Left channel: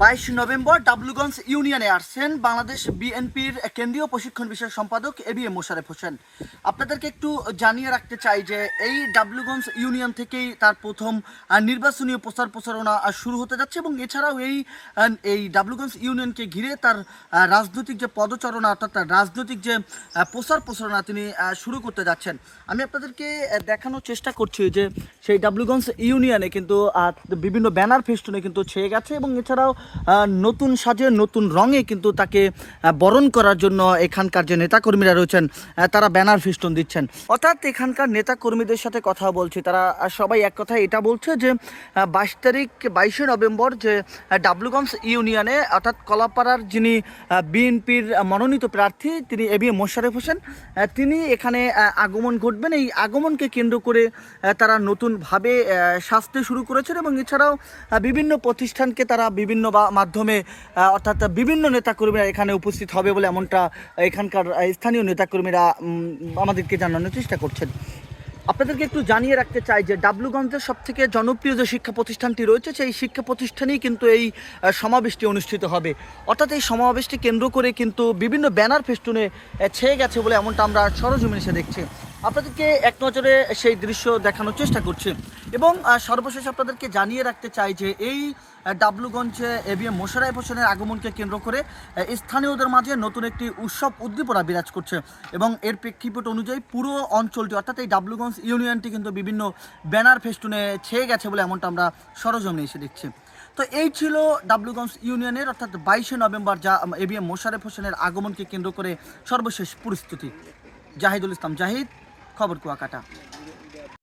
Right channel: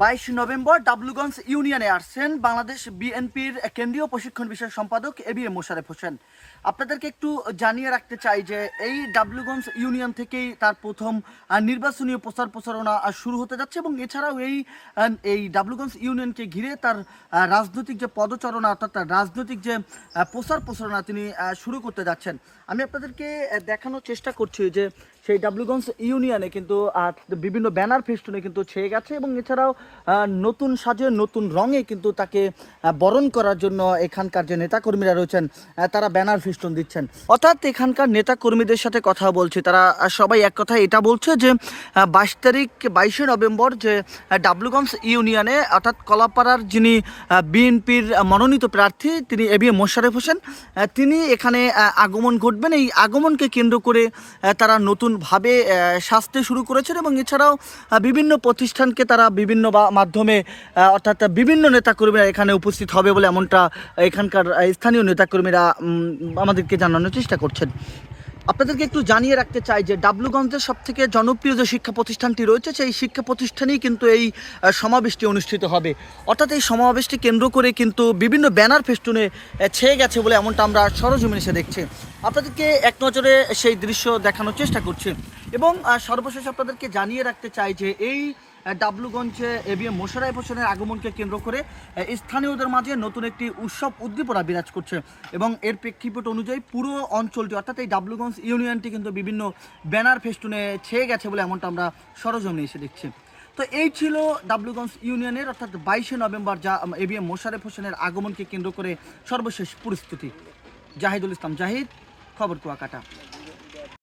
22 November ডাবলুগঞ্জ ইউনিয়নে আসছেন বাংলাদেশ বিএনপির কেন্দ্রীয় প্রশিক্ষণ বিষয়ক সম্পাদক এবিএম মোশাররফ হোসেন। আপনাদেরকে একটু জানিয়ে রাখতে চাই যে এই ডাবলুগঞ্জ ইউনিয়ন থেকেই তার প্রথম নির্বাচনী প্রচার প্রচারণা শুরু হতে যাচ্ছে এবং এছাড়াও এই ডাবলুগঞ্জ ইউনিয়নকে ঘিরে তার রাজনৈতিক যে পদচারণা অর্থাৎ তার রাজনৈতিক যে প্রচার প্রচারণা তিনি শুরু করতে যাচ্ছেন। আমি আপনাদেরকে দেখানোর চেষ্টা করছি যে সেই ডাবলুগঞ্জ ইউনিয়নে কিন্তু বিভিন্ন ব্যানার ফেস্টুনে কিন্তু ছেয়ে গেছে এবং এছাড়াও নতুন সাজে নতুন রঙে কিন্তু তাকে বরণ করার জন্য এখানকার যে নেতাকর্মীরা রয়েছেন তারা ব্যানার ফেস্টুন দিচ্ছেন। অর্থাৎ এখানকার নেতাকর্মীদের সাথে কথা বলছি, তারা সবাই এক কথা এটা বলছে যে 22 নভেম্বর যে ডাবলুগঞ্জ ইউনিয়নে অর্থাৎ কলাপাড়ার যিনি বিএনপির মনোনীত প্রার্থী তিনি এবিএম মোশাররফ হোসেন, তিনি এখানে আগমন ঘটবেন। এই আগমনকে কেন্দ্র করে তারা নতুনভাবে সাজতে শুরু করেছেন এবং এছাড়াও বিভিন্ন প্রতিষ্ঠানকে তারা বিভিন্ন মাধ্যমে অর্থাৎ বিভিন্ন নেতাকর্মীরা এখানে উপস্থিত হবে বলে এমনটা এখানকার স্থানীয় নেতাকর্মীরা আমাদেরকে জানানোর চেষ্টা করছেন। আপনাদেরকে একটু জানিয়ে রাখতে চাই যে ডাবলুগঞ্জের সবথেকে জনপ্রিয় যে শিক্ষা প্রতিষ্ঠানটি রয়েছে সেই শিক্ষা প্রতিষ্ঠানেই কিন্তু এই সমাবেশটি অনুষ্ঠিত হবে। অর্থাৎ এই সমাবেশটি কেন্দ্র করে কিন্তু বিভিন্ন ব্যানার ফেস্টুনে ছেয়ে গেছে বলে এমনটা আমরা সরজমিনে এসে দেখছি। আপনাদেরকে এক নজরে সেই দৃশ্য দেখানোর চেষ্টা করছি এবং সর্বশেষ আপনাদেরকে জানিয়ে রাখতে চাই যে এই ডাবলুগঞ্জে এবিএম মোশাররফ হোসেনের আগমনকে কেন্দ্র করে স্থানীয়দের মাঝে নতুন একটি উৎসব উদ্দীপনা বিরাজ করছে এবং এর প্রেক্ষাপট অনুযায়ী পুরো অঞ্চলটি অর্থাৎ এই ডাবলুগঞ্জ ইউনিয়নটি কিন্তু বিভিন্ন ব্যানার ফেস্টুনে ছেয়ে গেছে বলে এমনটা আমরা সরজমিনে এসে দেখছি। তো এই ছিল ডাবলুগঞ্জ ইউনিয়নের অর্থাৎ 22 নভেম্বর যা এবিএম মোশাররফ হোসেনের আগমনকে কেন্দ্র করে সর্বশেষ পরিস্থিতি। জাহিদুল ইসলাম জাহিদ, খবর কুয়াকাটা।